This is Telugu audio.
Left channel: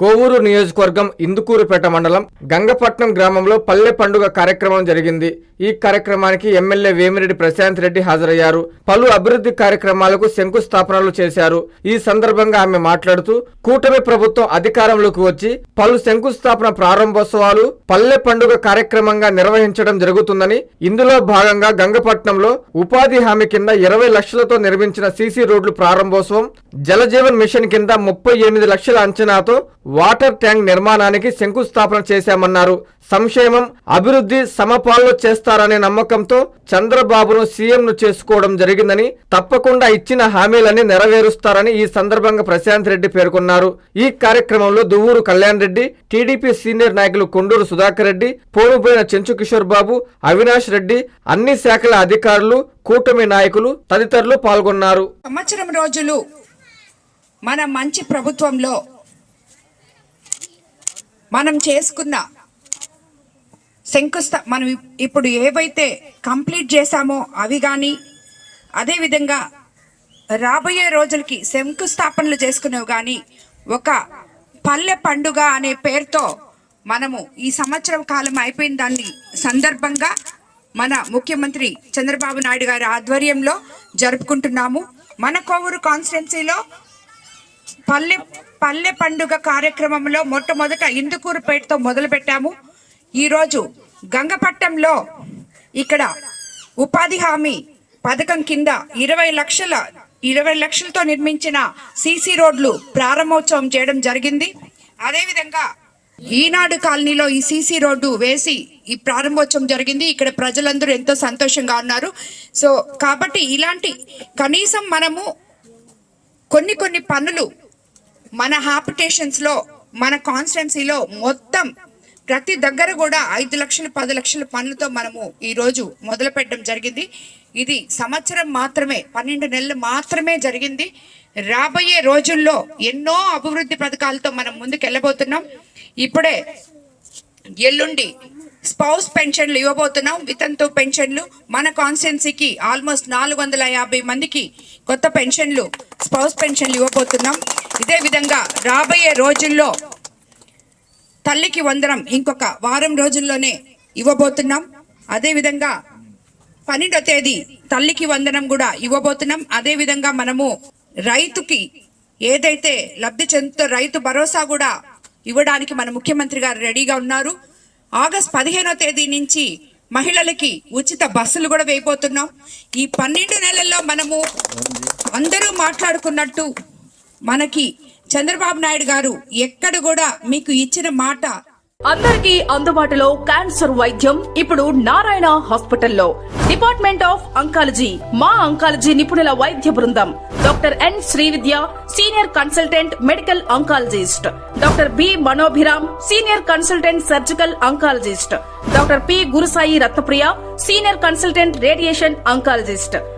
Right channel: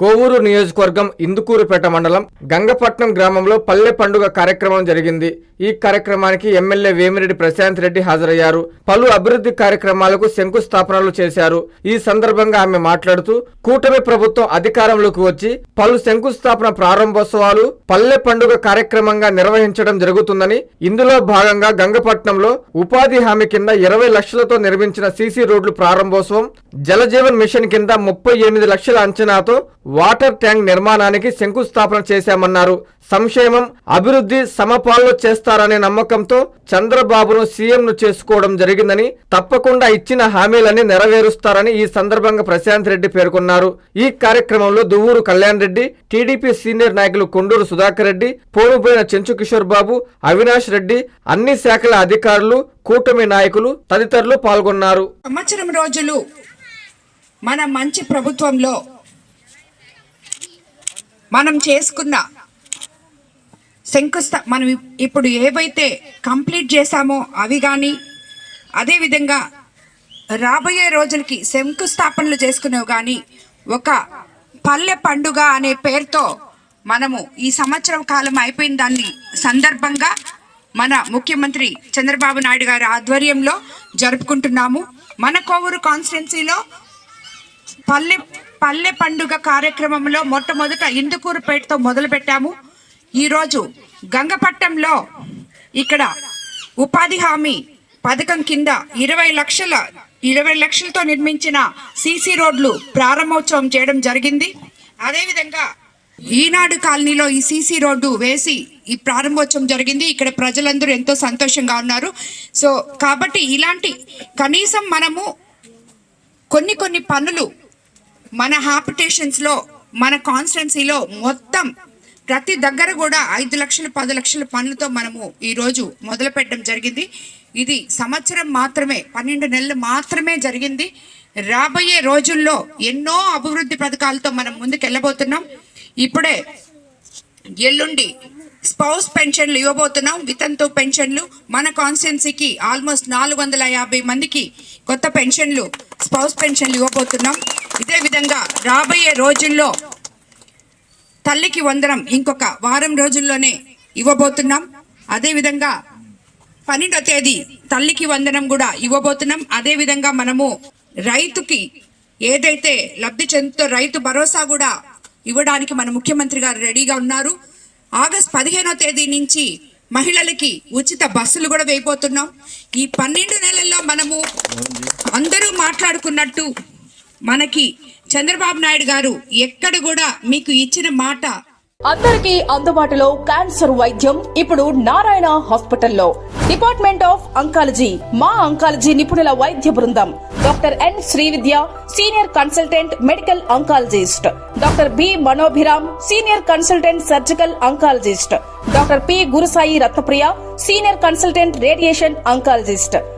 కోవూరు నియోజకవర్గం ఇందుకూరుపేట మండలం గంగపట్నం గ్రామంలో పల్లె పండుగ కార్యక్రమం జరిగింది. ఈ కార్యక్రమానికి ఎమ్మెల్యే వేమిరెడ్డి ప్రశాంత్ రెడ్డి హాజరయ్యారు. పలు అభివృద్ధి కార్యక్రమాలకు శంకుస్థాపనలు చేశారు. ఈ సందర్భంగా ఆమె మాట్లాడుతూ కూటమి ప్రభుత్వం అధికారంలోకి వచ్చి పలు శంకుస్థాపన ప్రారంభోత్సవాలు పల్లె పండుగ కార్యక్రమంగా నిర్వహించడం జరుగుతుందని ఇందులో భాగంగా గంగపట్నంలో ఉపాధి హామీ కింద ఇరవై లక్షలతో నిర్మించిన సీసీ రోడ్లు ప్రారంభోత్సవం జలజీవన్ మిషన్ కింద ముప్పై ఎనిమిది లక్షల అంచనాతో వాటర్ ట్యాంక్ నిర్మాణానికి శంకుస్థాపన చేశామన్నారు. సంక్షేమం అభివృద్ధి సమపాల్లో చేస్తారనే నమ్మకంతో చంద్రబాబును సీఎంను చేసుకోవడం జరిగిందని తప్పకుండా ఇచ్చిన హామీలన్నీ నెరవేరుస్తారని ఈ సందర్భంగా ప్రశాంత్ రెడ్డి పేర్కొన్నారు. ఈ కార్యక్రమంలో దువ్వూరు కళ్యాణ్ రెడ్డి టీడీపీ సీనియర్ నాయకులు కొండూరు సుధాకర్ రెడ్డి పోనుపోయిన చెంచు కిషోర్ బాబు అవినాష్ రెడ్డి అన్ని శాఖల అధికారులు కూటమి నాయకులు తదితరులు పాల్గొన్నారు. సంవత్సరం రోజులు మన మంచి ప్రభుత్వంలో మనం చేసుకున్న శంకుస్థ మనం ఇప్పుడు ఏవైతే కంప్లీట్ చేశామో అవి కానీ అదేవిధంగా రాబోయే రోజులకి శంకుస్థాపనలు చేసుకునేవి కానీ ఒక పల్లె పండుగ అనే పేరుతో మనము ఈ సంవత్సరం కాలం అయిపోయిన దాన్ని సందర్భంగా మన ముఖ్యమంత్రి చంద్రబాబు నాయుడు గారి ఆధ్వర్యంలో జరుపుకుంటున్నాము. మన కోవూరు కాన్స్టిట్యున్సీలో పల్లె పల్లె పండుగ కార్యక్రమంలో మొట్టమొదట ఇందుకూరుపేటతో మొదలు పెట్టాము ఈరోజు గంగపట్నంలో ఇక్కడ ఉపాధి హామీ పథకం కింద ఇరవై లక్షల ఇరవై లక్షలతో నిర్మించిన సీసీ రోడ్లు ప్రారంభోత్సవం చేయడం జరిగింది. అదేవిధంగా ఈనాడు కాలనీలో ఈ సీసీ రోడ్డు వేసి ఈ ప్రారంభోత్సవం జరిగింది. ఇక్కడ ప్రజలందరూ ఎంతో సంతోషంగా ఉన్నారు. సో కాబట్టి ఇలాంటి కనీసం మనము కొన్ని కొన్ని పనులు మన హాపిటేషన్స్లో మన కాన్స్టిట్యున్సీలో మొత్తం ప్రతి దగ్గర కూడా ఐదు లక్షలు పది లక్షల పనులతో మనము ఈరోజు మొదలు పెట్టడం జరిగింది. ఇది సంవత్సరం మాత్రమే పన్నెండు నెలలు మాత్రమే జరిగింది. రాబోయే రోజుల్లో ఎన్నో అభివృద్ధి పథకాలతో మనం ముందుకు వెళ్ళబోతున్నాం ఇప్పుడే ఎల్లుండి స్పౌస్ పెన్షన్లు ఇవ్వబోతున్నాం. వితంతు పెన్షన్లు మన కాన్స్టిట్యున్సీకి ఆల్మోస్ట్ నాలుగు వందల యాభై మందికి కొత్త పెన్షన్లు స్పౌస్ పెన్షన్లు ఇవ్వబోతున్నాం. ఇదే విధంగా రాబోయే రోజుల్లో తల్లికి వందనం ఇంకొక వారం రోజుల్లోనే ఇవ్వబోతున్నాం. అదే విధంగా పన్నెండో తేదీ తల్లికి వందనం కూడా ఇవ్వబోతున్నాం. అదే విధంగా మనము రైతుకి ఏదైతే లబ్ధి చెందుతో రైతు భరోసా కూడా ఇవ్వడానికి మన ముఖ్యమంత్రి గారు రెడీగా ఉన్నారు. ఆగస్ట్ పదిహేనో తేదీ నుంచి మహిళలకి ఉచిత బస్సులు కూడా వేయబోతున్నాం. ఈ పన్నెండు నెలల్లో మనము అందరూ మాట్లాడుకున్నట్టు మనకి చంద్రబాబు నాయుడు గారు ఎక్కడ కూడా మీకు ఇచ్చిన మాట అందరికీ అందుబాటులో క్యాన్సర్ వైద్యం ఇప్పుడు నారాయణ హాస్పిటల్లో. డిపార్ట్మెంట్ ఆఫ్ అంకాలజీ మా అంకాలజీ నిపుణుల వైద్య బృందం. Doctor N Srividya senior consultant medical oncologist. Doctor B Manobhiram senior consultant surgical oncologist. Doctor P Gurusai Ratnapriya senior consultant radiation oncologist.